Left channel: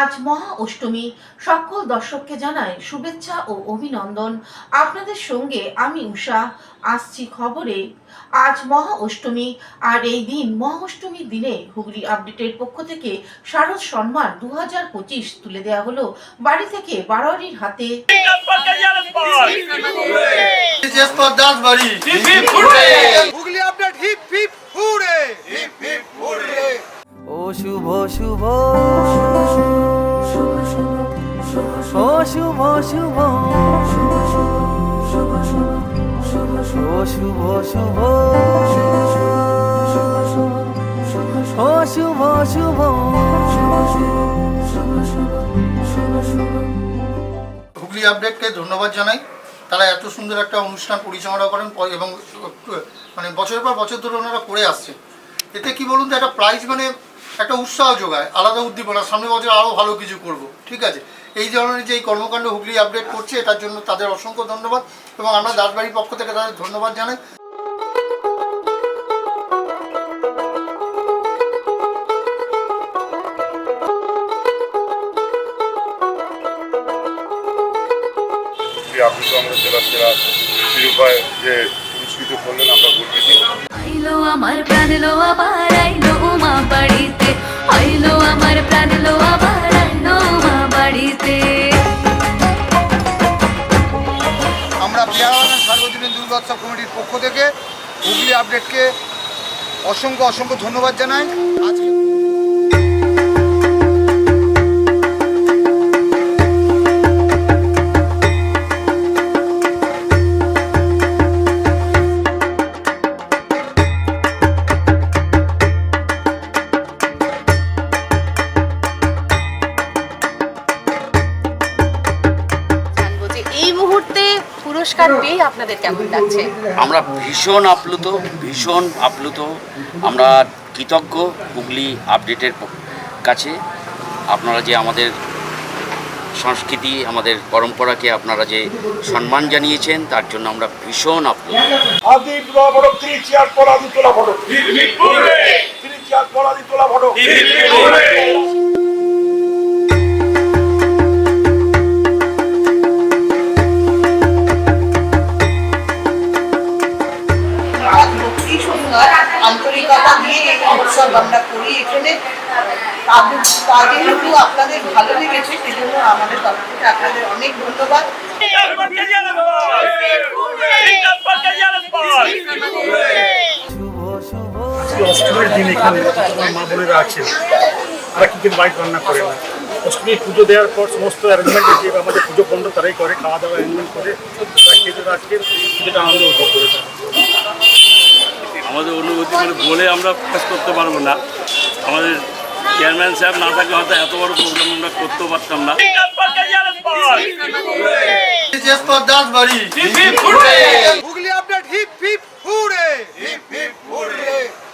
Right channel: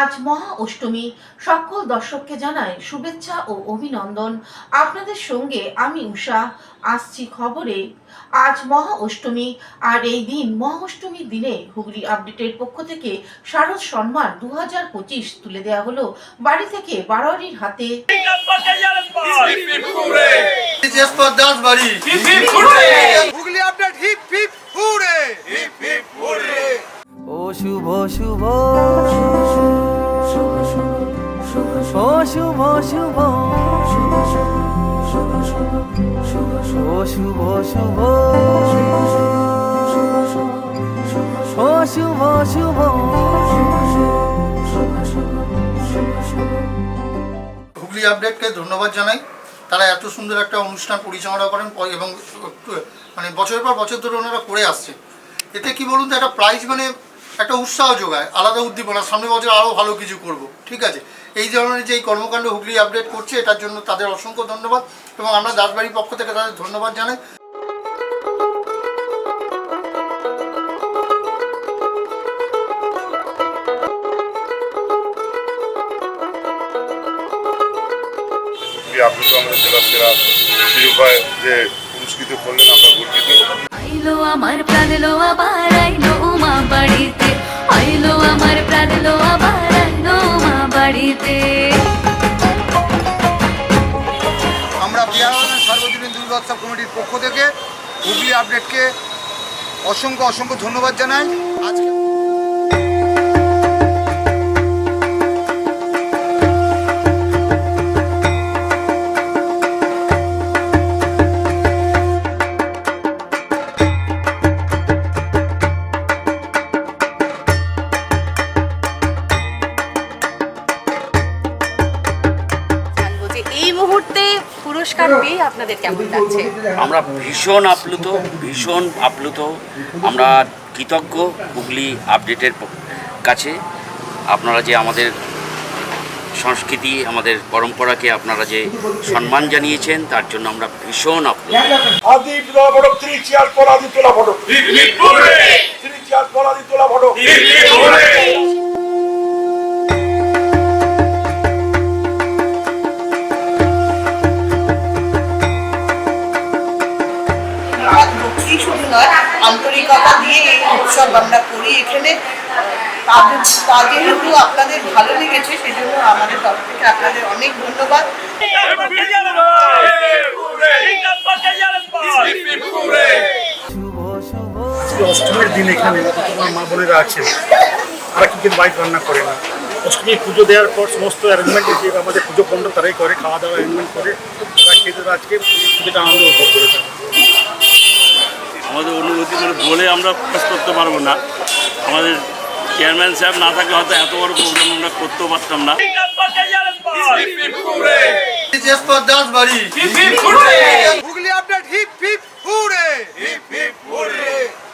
আজ মহা অষ্টমী। সকল দর্শককে জানাই শুভেচ্ছা ও অভিনন্দন। আপনাদের সঙ্গে আমি উষা। আসছি খবরে। আজ মহা অষ্টমী, আর এই দিন মহা অষ্টমীর দিনে হুগলি আপডেটের পক্ষ থেকে শারদ সম্মান দু হাজার পঁচিশ তুলে দেওয়া হলো বাড়ি থেকে বারোয়ারির হাতে। হুগলি আপডেট, হিপ হিপ শুভ শুভ। ও শুভ শুভ। ও শুভ শুভ। ও শুভ শুভ। হুগলি আপডেটকে ধন্যবাদ জানাই। তারা এত সুন্দর একটা অনুষ্ঠান পরিচালনা করেন এবং মানে বছরের পর বছর ধরে ওনারা করে আসছে এতে কি বলুন তো, একটা প্রাইজ মানে একটা উৎসাহ যোগায়, আলাদা উদ্দীপনা, সামনে বছর আরও ভালো কিছু করব, ঠিক আছে? এই ধরনের যে এই কর্মকাণ্ড হুগলি আপডেট করছে, এটার জন্য তাদের অসংখ্য ধন্যবাদ এবং আমরা দাসবাড়ির পক্ষ থেকে তাদের ধন্যবাদ জানাই। আপনি তো আমাদের জেলার সেরা শিরোপায় যে পুরস্কৃত করলেন, আমরা গর্বিত। আইলো আমার প্রাণ লো আবার আইলো মা বাড়িতে আইলো আমার প্রাণ লো আবার আইলো মা বাড়িতে আমরা পেয়ারা সার্বজনীন দুর্গোৎসব কমিটির পক্ষ থেকে হুগলি আপডেটকে অসংখ্য অসংখ্য ধন্যবাদ জানাই। আজকে এই মুহূর্তে পুরস্কার পেয়ে আপনাদের কেমন লাগছে আমরা ভীষণ আপ্লুত ভীষণ আপ্লুত। আমরা কৃতজ্ঞ হুগলি আপডেটের কাছে। আপনারা যে আমাদের সংস্কৃতি আমাদের পরম্পরাকে আপনারা যে সম্মান জানিয়েছেন তার জন্য আমরা ভীষণ আপ্লুত। আদি তোলা আন্তরিকতা দিয়ে এই উৎসব আমরা করি এখানে। তাদের তাদের যেহেতু আপনাদের ভালো লেগেছে, সেজন্য আমাদের তরফ থেকে আপনাদের অনেক ধন্যবাদ। অষ্টমীর দিন এখানে মা বোনেরা আছেন। তারা কি কিন্তু বাইক রান্না করে না। অষ্টমী পুজো দেওয়ার পর সমস্ত অ্যারেঞ্জমেন্ট যে আমাদের পুজো পণ্ড তারাই করে, খাওয়া দাওয়া অ্যারেঞ্জমেন্ট করে। তারা খেতে আজকে, পুজোটা আনন্দ উপভোগ করেছে আমাদের অনুভূতি করে বলে আমরা প্রকাশ করতে পারব না। আমাদের চেয়ারম্যান সাহেব না থাকলে হয়তো এত বড় প্রোগ্রাম আমরা করতেও পারতাম না। জেসপর দাস বাড়ি Hooghly update hip hip hooray